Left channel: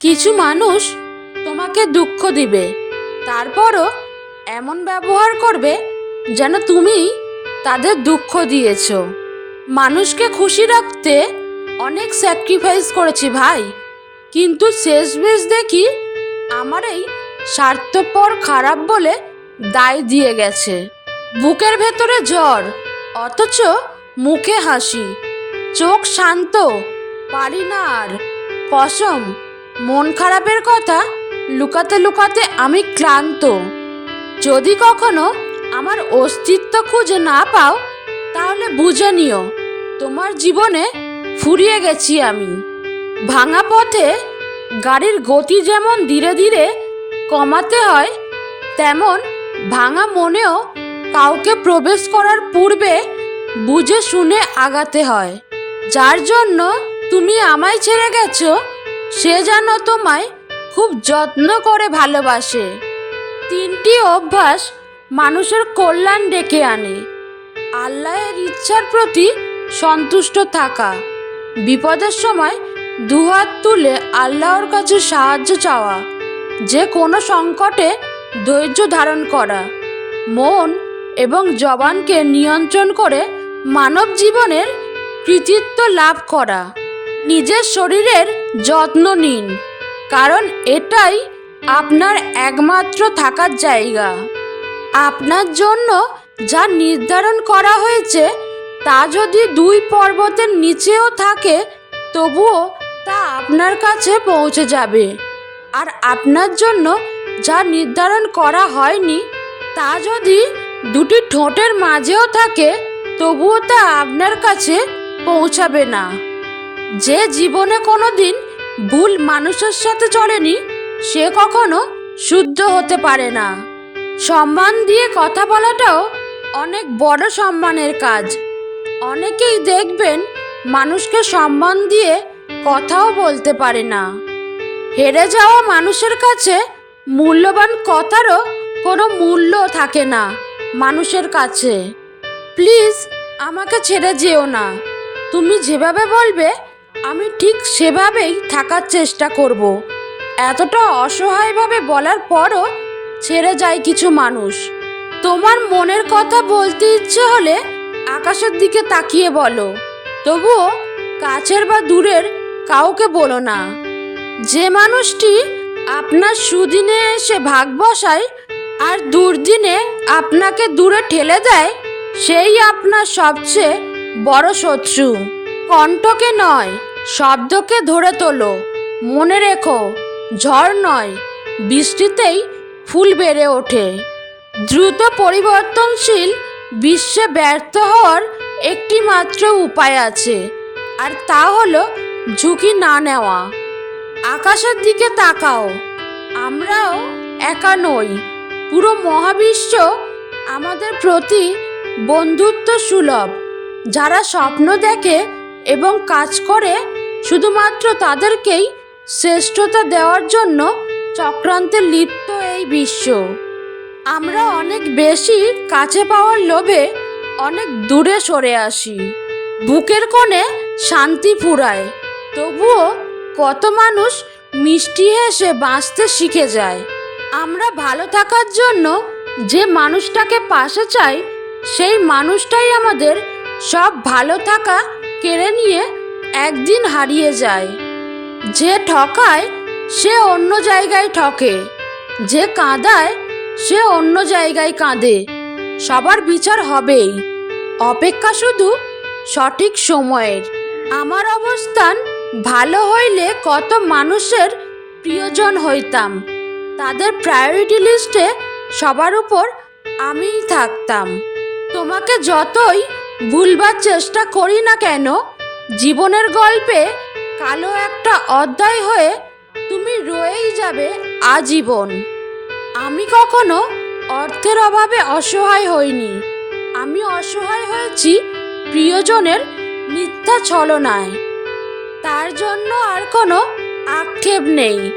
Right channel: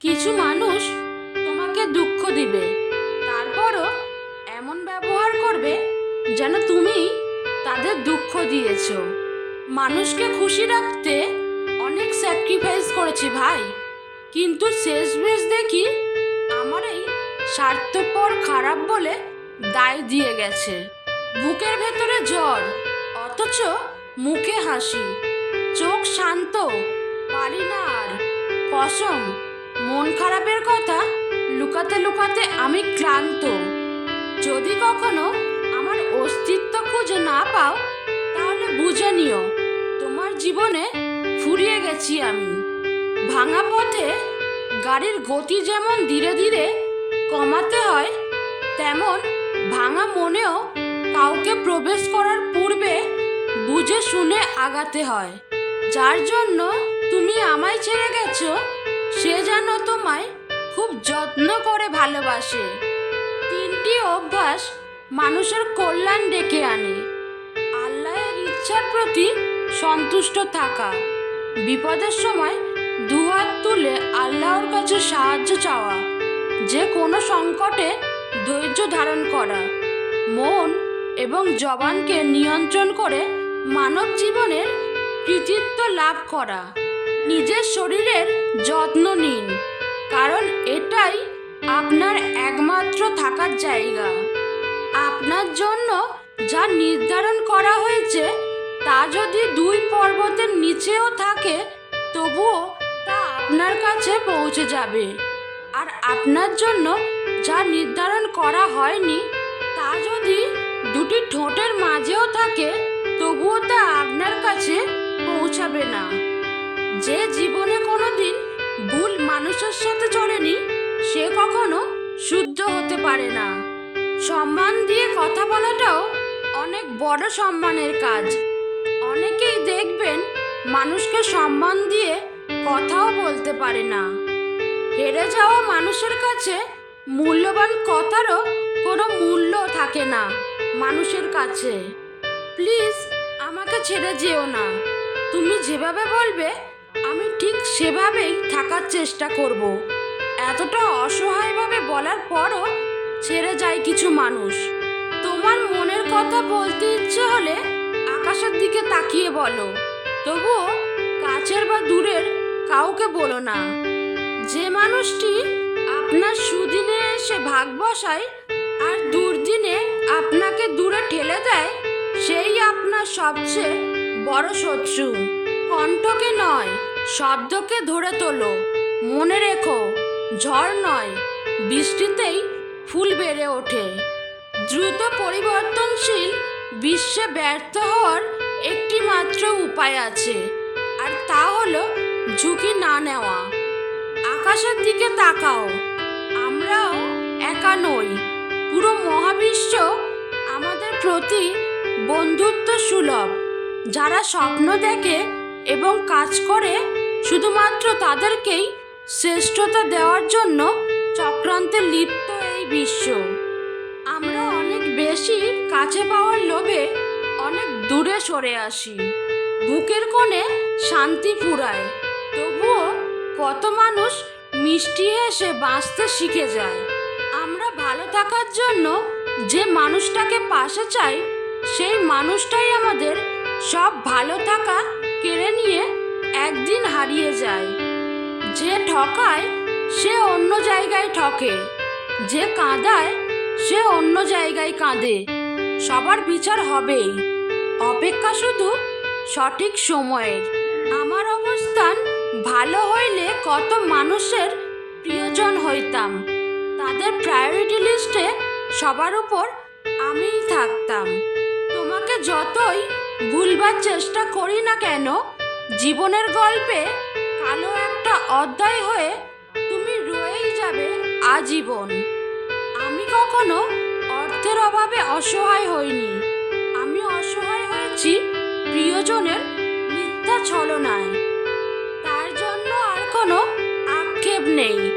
কিছু মানুষ তোমাকে দুঃখ দিবে, তারপরও এমন ব্যবহার করবে যেন তুমি তাদের দুঃখ দিয়েছ। মানুষকে খুশি রাখতে অনেক স্যাক্রিফাইস করেছি ভাই, কিন্তু শেষমেশ দেখি আমার এই স্বার্থপর খারাপ বলে দায় দিয়ে গেছে। বুকের ভেতরে জ্বর, অথচ মুখে হাসি, চোখ শান্ত, পারি না আর কসম মন খারাপের কথা লুকাতে লুকাতে আমি ক্লান্ত। যদি কখনো আমার অস্তিত্ব খুঁজে না পাও, তাহলে বুঝে নিও, তোমার জীবনে ফুরিয়ে গেছি আমি। ভাঙা পথে গাড়ির গতি যেমন ধীরে ধীরে কমাতে হয়, তেমন ভাঙা মনেও কাউকে প্রবেশ করার পূর্বে বুঝে শুনে আগাতে হয়। যার জন্য তুমি আমায় ছেড়ে গেছো সে যেন তোমায় খুব যত্ন করে ভালোবাসে। তিনটি অভ্যাস মানুষের কল্যাণ ডেকে আনে। আল্লাহের ইচ্ছার প্রতি সন্তুষ্ট থাকা। বিপদের সময় দুহাত তুলে আল্লাহর কাছে সাহায্য চাওয়া। যে কোনো সংকটে ধৈর্য ধারণ করা। মন এবং জবানকে নিয়ন্ত্রণ করে মানব জীবনের কৃতিত্ব লাভ করা। নিজের শরীরের যত্ন নিন, কারণ এটাই আপনার একমাত্র থাকার জায়গা। আপনার জন্য যা নির্ধারণ করা হয়েছে, তা যদি দুই পর্বতের নিচেও থাকে, তবুও তা আপনার কাছে পৌঁছে যাবে। আর আপনার জন্য যা নির্ধারণ করা হয়নি, তা যদি দুটি ঠোঁটের মাঝেও থাকে, তবুও তা আপনার কাছে পৌঁছাবে না। যে জীবনে কোনো দিন ভুল মানুষের সাথে চলেনি, সে কখনো শুদ্ধ হতে পারে না। সম্মান দিয়ে কথা বলাটাও অনেক বড় সম্মানের কাজ। অনেকেই দেখবেন মানুষকে সম্মান দিয়ে কথাও বলতে পারে না। হেরে যাওয়া মানুষের কাছে মূল্যবান কথারও কোনো মূল্য থাকে না মানুষের কাছে। প্লিজ, আমাকে ছেড়ে যেও না। তুমি যেভাবে বলবে সেভাবেই থাকার চেষ্টা করব। এতটা অসহায়ভাবে বলার পরও ছেড়ে যায় কিছু মানুষ। তোমার মনের কথা বলতে ইচ্ছে হলে আকাশের দিকে তাকিয়ে বলো। তবুও কাছের বা দূরের কাউকে বলো না। যে মানুষটি আপনার সুদিনে এসে ভাগ বসায় আর দুর্দিনে আপনাকে দূরে ঠেলে দেয়, সেই আপনার সবচেয়ে বড় শত্রু। কণ্ঠকে নয় শব্দকে ধরে তোলো। মনে রেখো, ঝড় নয়, বৃষ্টিতেই ফুল বেড়ে ওঠে। দ্রুত পরিবর্তনশীল বিশ্বে ব্যর্থ হওয়ার একটি মাত্র উপায় আছে, আর তা হলো ঝুঁকি না নেওয়া। আকাশের দিকে তাকাও, আমরাও একা নই। পুরো মহাবিশ্ব আমাদের প্রতি বন্ধুত্ব সুলভ, যারা স্বপ্ন দেখে এবং কাজ করে শুধুমাত্র তাদেরকেই শ্রেষ্ঠতা দেওয়ার জন্য চক্রান্তে লিপ্ত এই বিশ্ব। আমরা অনেক বেশি কাছে পাওয়ার লোভে অনেক দূরে সরে আসি। বুকের কোণে শান্তি ফুরায়। তবুও কত মানুষ মিষ্টি হেসে বাঁচতে শিখে যায়। আমরা ভালো থাকার জন্য যে মানুষটাকে পাশে চাই, সেই মানুষটাই আমাদের সব ভালো থাকা কেড়ে নিয়ে একদিন হারিয়ে যায়। যে ঠকায়, সে অন্য জায়গায় ঠকে। যে কাঁদায়, সে অন্য জায়গায় কাঁদে। সবার বিচার হবেই। অপেক্ষা শুধু সঠিক সময়ের। আমার অবস্থান ভালো হইলে কত মানুষের প্রিয়জন হইতাম। তাদের প্রায়োরিটি লিস্টে সবার উপর আমিই থাকতাম। তোমাকে যতই ভুলবার চেষ্টা করি না কেন জীবনের গল্পে কালো একটা অধ্যায় হয়ে তুমি রয়েই যাবে আজীবন। আমি কখনো অর্থের অভাবে অসহায় হইনি। আমি অসহায় হয়েছি প্রিয়জনের মিথ্যা ছলনায়। তার জন্য আর কোনো আক্ষেপ নেই।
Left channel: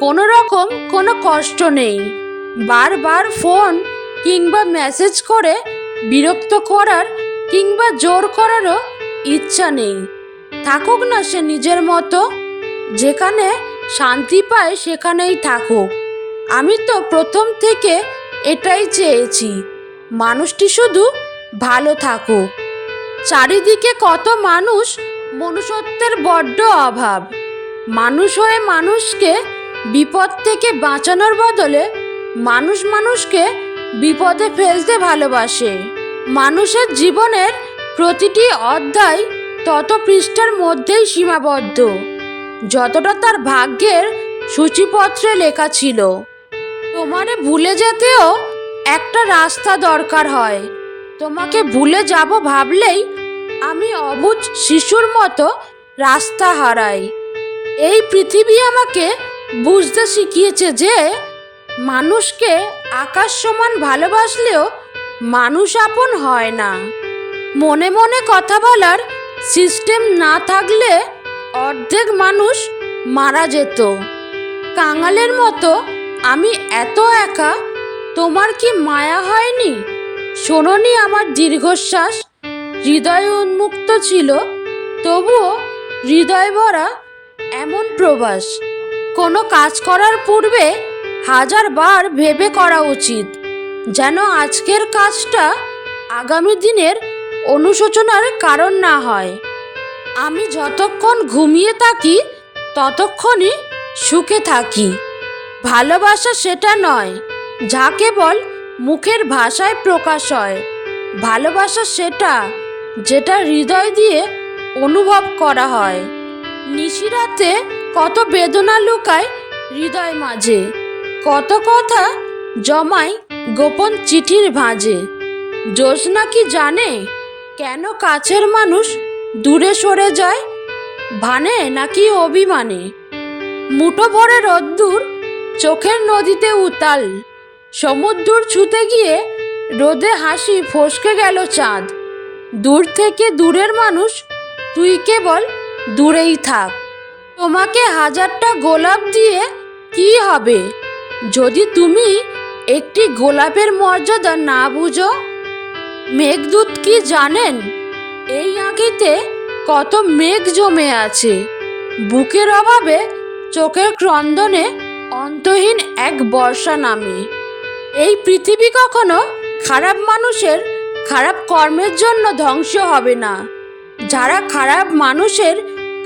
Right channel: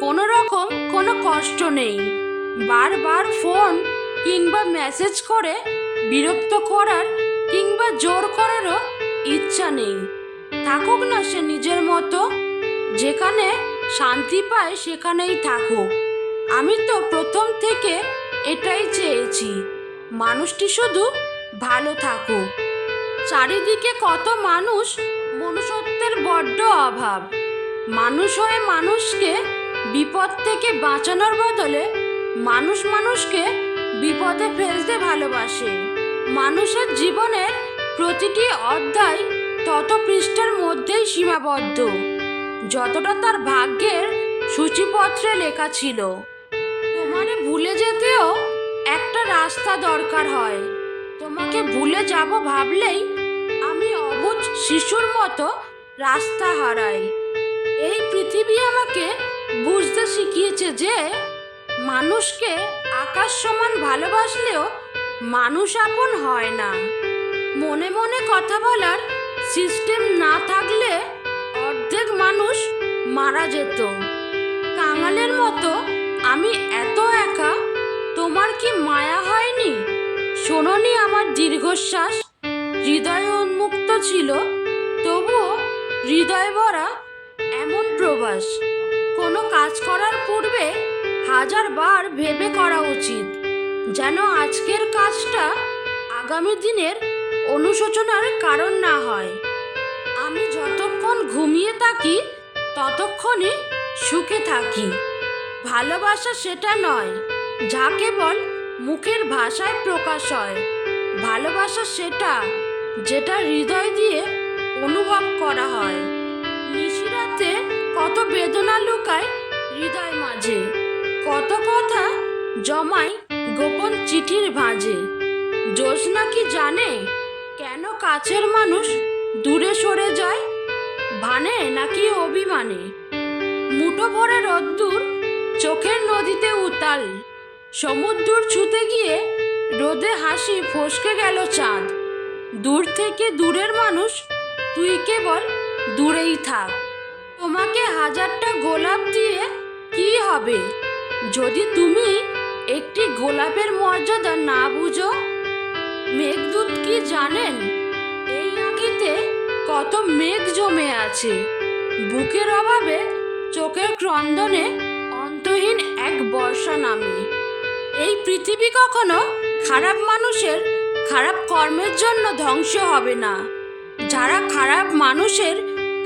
কোনো রকম কোনো কষ্ট নেই। বারবার ফোন কিংবা মেসেজ করে বিরক্ত করার কিংবা জোর করারও ইচ্ছা নেই। থাকুক না সে নিজের মতো, যেখানে শান্তি পায় সেখানেই থাকুক। আমি তো প্রথম থেকে এটাই চেয়েছি, মানুষটি শুধু ভালো থাকুক। চারিদিকে কত মানুষ মনুষ্যত্বের বড্ড অভাব। মানুষ হয়ে মানুষকে বিপদ থেকে বাঁচানোর বদলে মানুষ মানুষকে বিপদে ফেলতে ভালোবাসে। মানুষের জীবনের প্রতিটি অধ্যায় তত পৃষ্ঠার মধ্যেই সীমাবদ্ধ। যতটা তার ভাগ্যের সূচিপত্রে লেখা ছিল। তোমারে ভুলে যেতেও একটা রাস্তা দরকার হয়। তোমাকে ভুলে যাব ভাবলেই আমি অবুঝ শিশুর মতো রাস্তা হারাই। এই পৃথিবী আমাকে বুঝতে শিখিয়েছে যে মানুষকে আকাশ সমান ভালোবাসলেও মানুষ আপন হয় না। মনে মনে কথা বলার সিস্টেম না থাকলে অর্ধেক মানুষ মারা যেত। কাঙালের মতো আমি এত একা, তোমার কি মায়া হয়নি? শোনোনি আমার দীর্ঘশ্বাস, হৃদয় উন্মুক্ত ছিল, তবুও হৃদয় ভরা এমন প্রবাস। কোনো কাজ করার পূর্বে হাজার বার ভেবে করা উচিত, যেন আজকের কাজটা আগামী দিনের অনুশোচনার কারণ না হয়। আমি যতক্ষণ ঘুমিয়ে থাকি, ততক্ষণই সুখে থাকি। ভালোবাসা সেটা নয়, যা কেবল মুখের ভাষায় প্রকাশ হয়। ভালোবাসা সেটা, যেটা হৃদয় দিয়ে অনুভব করা হয়। নিশিরাতে কত বেদনা লুকায় হৃদয় মাঝে, কত কথা জমায় গোপন চিঠির ভাঁজে। জ্যোৎস্না কি জানে? কেন কাছের মানুষ দূরে সরে যায়? ভানে নাকি অভিমানে? মুঠো ভরে রোদ্দুর চোখের নদীতে উতাল। সমুদ্র ছুতে গিয়ে রোদে হাসি ফসকে গেল চাঁদ। দূর থেকে দূরের মানুষ, তুই কেবল দূরেই থাক। তোমাকে হাজারটা গোলাপ দিয়ে কি হবে? যদি তুমি একটি গোলাপের মর্যাদা না বুঝো মেঘদূত কি জানেন? এই আঁকিতে কত মেঘ জমে আছে। বুকের অভাবে চোখের ক্রন্দনে অন্তহীন এক বর্ষা নামে। এই পৃথিবী কখনো খারাপ মানুষের খারাপ কর্মের জন্য ধ্বংস হবে না। যারা খারাপ মানুষের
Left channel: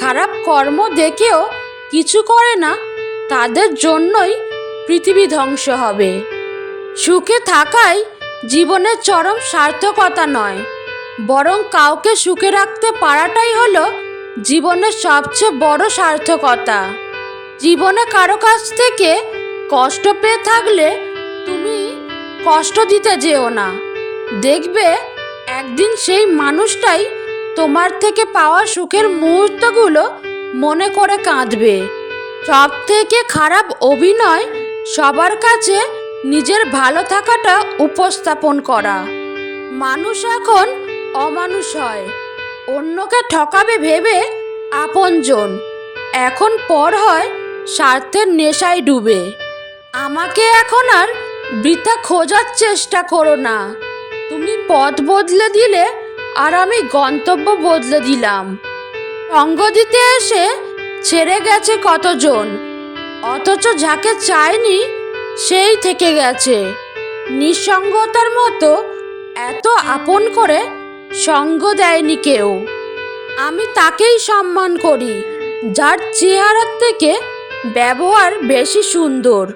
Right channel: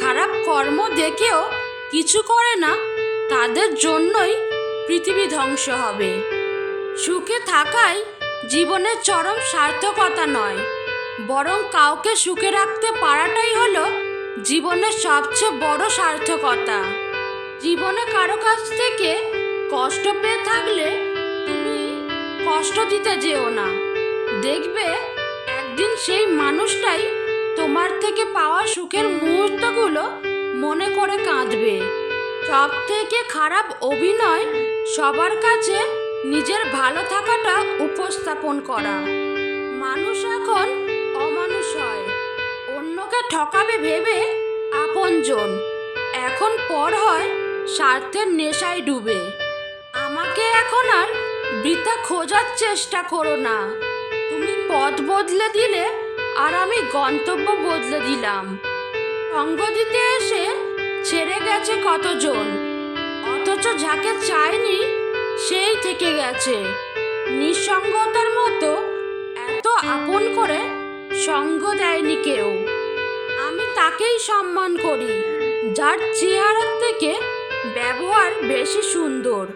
খারাপ কর্ম দেখেও কিছু করে না, তাদের জন্যই পৃথিবী ধ্বংস হবে। সুখে থাকাই জীবনের চরম সার্থকতা নয়, বরং কাউকে সুখে রাখতে পারাটাই হলো জীবনের সবচেয়ে বড় সার্থকতা। জীবনে কারও কাছ থেকে কষ্ট পেয়ে থাকলে তুমি কষ্ট দিতে যেও না। দেখবে একদিন সেই মানুষটাই তোমার থেকে পাওয়া সুখের মুহূর্তগুলো মনে করে কাঁদবে। সব থেকে খারাপ অভিনয় সবার কাছে নিজের ভালো থাকাটা উপস্থাপন করা। মানুষ এখন অমানুষ হয়। অন্যকে ঠকাবে ভেবে আপনজন। এখন পর হয় স্বার্থের নেশায় ডুবে। আমাকে এখন আর বৃথা খোঁজার চেষ্টা করো না। তুমি পথ বদলে দিলে আর আমি গন্তব্য বদলে দিলাম। সঙ্গ দিতে এসে ছেড়ে গেছে কতজন? অথচ যাকে চায়নি সেই থেকে গেছে। নিঃসঙ্গতার মতো এত আপন করে সঙ্গ দেয়নি কেউ। আমি তাকেই সম্মান করি, যার চেহারার থেকে ব্যবহার বেশি সুন্দর।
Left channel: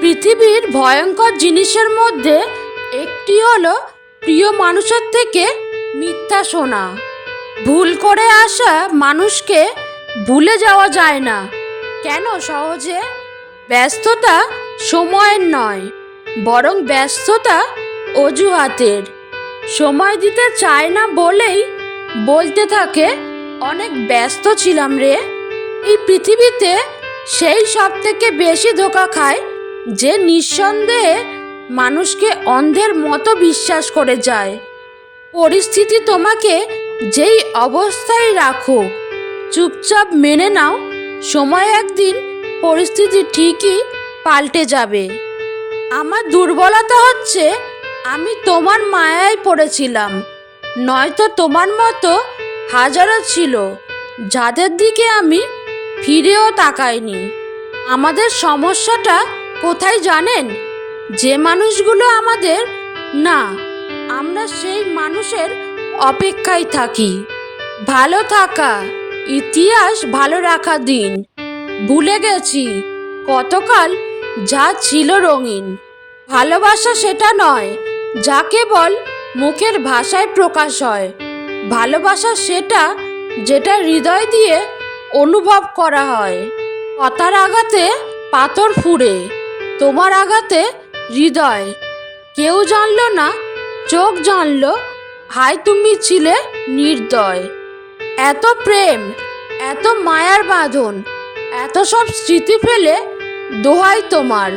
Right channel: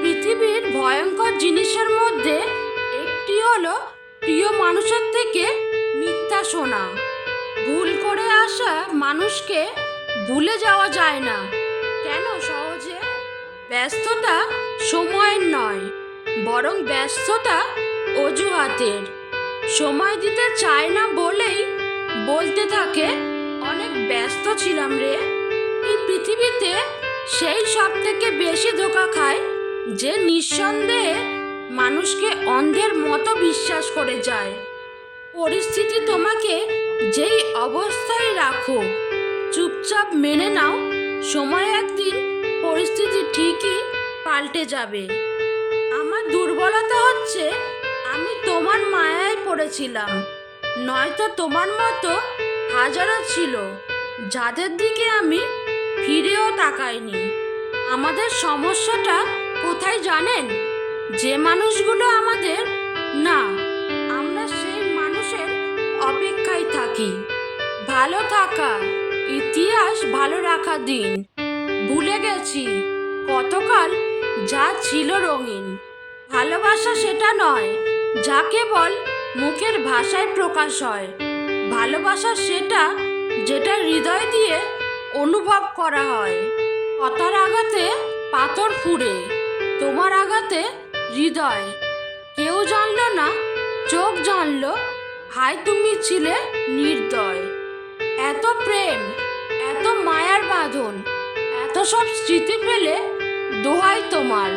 পৃথিবীর ভয়ঙ্কর জিনিসের মধ্যে একটি হলো প্রিয় মানুষের থেকে মিথ্যা শোনা। ভুল করে আসা মানুষকে ভুলে যাওয়া যায় না। কেন সহজে? ব্যস্ততা সময়ের নয়, বরং ব্যস্ততা অজুহাতের। সময় দিতে চায় না বলেই বলতে থাকে, অনেক ব্যস্ত ছিলাম রে। এই পৃথিবীতে সেই সব থেকে বেশি ধোকা খায় যে নিঃসন্দেহে মানুষকে অন্ধের মতো বিশ্বাস করে যায়। পরিস্থিতি তোমাকে যেই অবস্থায় রাখো, চুপচাপ মেনে নাও। সময় একদিন পরিস্থিতি ঠিকই পাল্টে যাবে। আমার দুর্বলতা হচ্ছে আমি তোমার মায়ায় পড়েছিলাম। নয়তো তোমার মতো হাজারো ছিল, যাদের দিকে আমি ফিরেও তাকাইনি। আমাদের সমস্যাটা কোথায় জানেন? যে মানুষগুলো আমাদের, না, আমরা সেই মানুষের অপেক্ষায় থাকি। ভালো থাকা, ইতিহাস ভালো রাখা দিন। ভুলে গেছি, কতকাল যা ছিল রঙিন। ভালোবাসা সেটা নয়, যা কেবল মুখের ভাষায় প্রকাশ হয়। ভালোবাসা সেটা যেটা হৃদয় দিয়ে অনুভব করা হয়। কথার আঘাতে পাথর ফুঁড়ে, তোমার আঘাতে হৃদয়। কেউ জানলো না, চোখ জানলো, হাই তুমি ছিলে নির্দয়। এত প্রেম, এত মায়ার বাঁধন, এত সব স্মৃতি ফেলে দোহাই তোমার,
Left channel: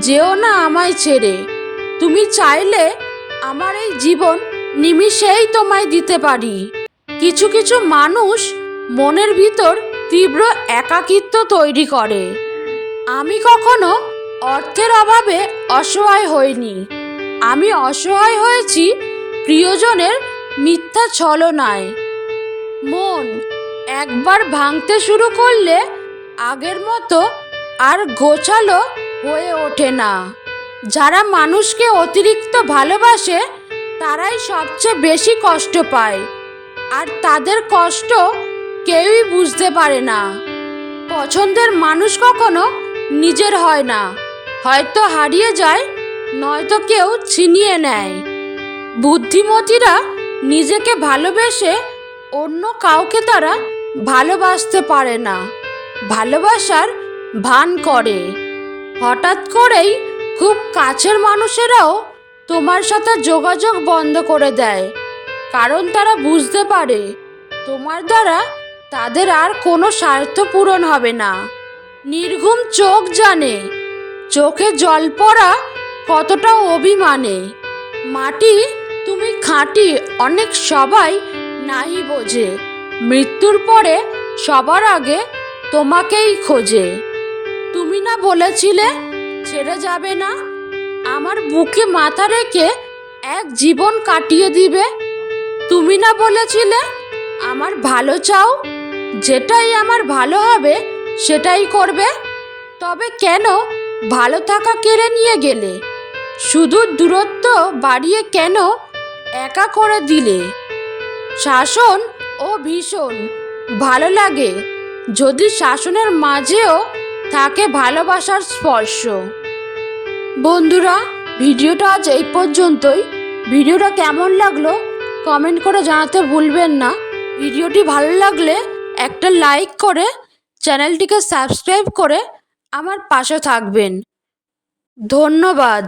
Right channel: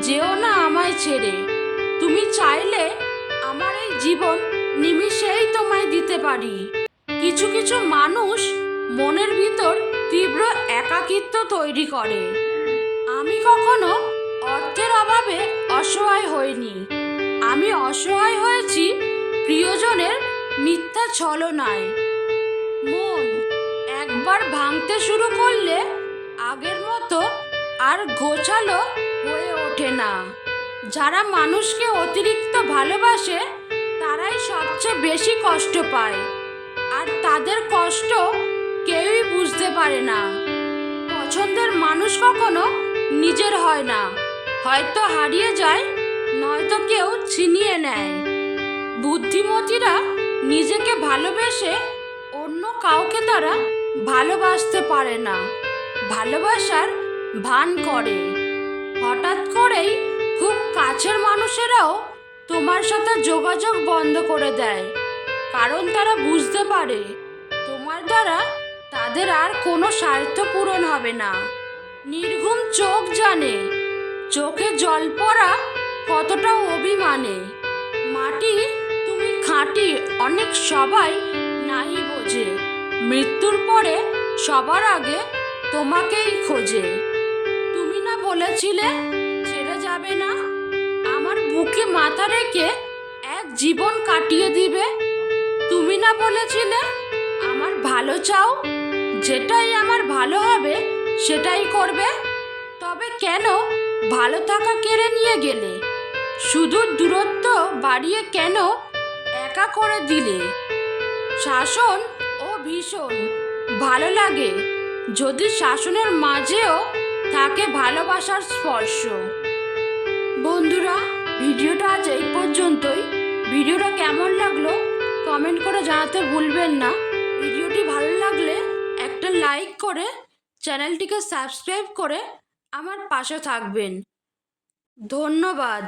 যেও না আমায় ছেড়ে। তুমি চাইলে আমার এই জীবন নিমিষেই তোমায় দিতে পারি। কিছু কিছু মানুষ মনের ভিতর তীব্র একাকিত্ব তৈরি করে। আমি কখনো অর্থের অভাবে অসহায় হইনি। আমি অসহায় হয়েছি প্রিয়জনের মিথ্যা ছলনায়। মন একবার ভাঙতে শুরু করলে আগের মতো আর গোছালো হয়ে ওঠে না। যারা মানুষকে অতিরিক্ত ভালোবাসে, তারাই সবচেয়ে বেশি কষ্ট পায়। আর তাদের কষ্ট কেউই বুঝতে পারে না। পছন্দের মানুষ কখনো নিজের হয় না। হয়তো হারিয়ে যায়, নয়তো কেউ ছিনিয়ে নেয়। বুদ্ধিমতীরা নিজেকে ভালোবেসে অন্য কাউকে তারা ভালোবাসতে পারে না। ভালোবাসার ভান করে। হঠাৎ করেই খুব কাছের মানুষেরাও তোমার সাথে যোগাযোগ বন্ধ করে দেয়। কারণ তারা বুঝতে পারে, তোমার দ্বারা তাদের আর কোনো স্বার্থ পূরণ হবে না। নির্ঘুম চোখ জানে, চোখে জল পড়া কতটা অভিমানে। মাটি তুমি খাঁটি, অনেক সবাই নাই বোঝে। মৃত্যুর পরে সবার আগে তোমাকেই খোঁজে। বলেছিলে, ছেড়ে যাবে না। আমার বুকে মাথা রেখে এক জীবন কাটিয়ে দিবে। তুমি না বলেছিলে, আমার ভালো চাও, যেটাই আমার ভালো হবে, সেটাই করবে। তবে কেন ভালো থাকা কেড়ে নিয়ে গেলে? শুধু দূরত্ব বাড়িয়ে কেন একা করে দিলে? শাসন ও ভীষণ ভালো লাগে। যদি শাসনের মাঝেও থাকে ভালোবাসার স্পর্শ। বন্ধুরা, ভিডিওটা আজ এই পর্যন্তই। ভিডিওটা কেমন লাগল কমেন্ট করে জানাতে ভুলবেন না। ভিডিওটি ভালো লাগলে একটা লাইক করে চ্যানেলটিকে সাবস্ক্রাইব করে আমার পাশে থাকবেন। ধন্যবাদ।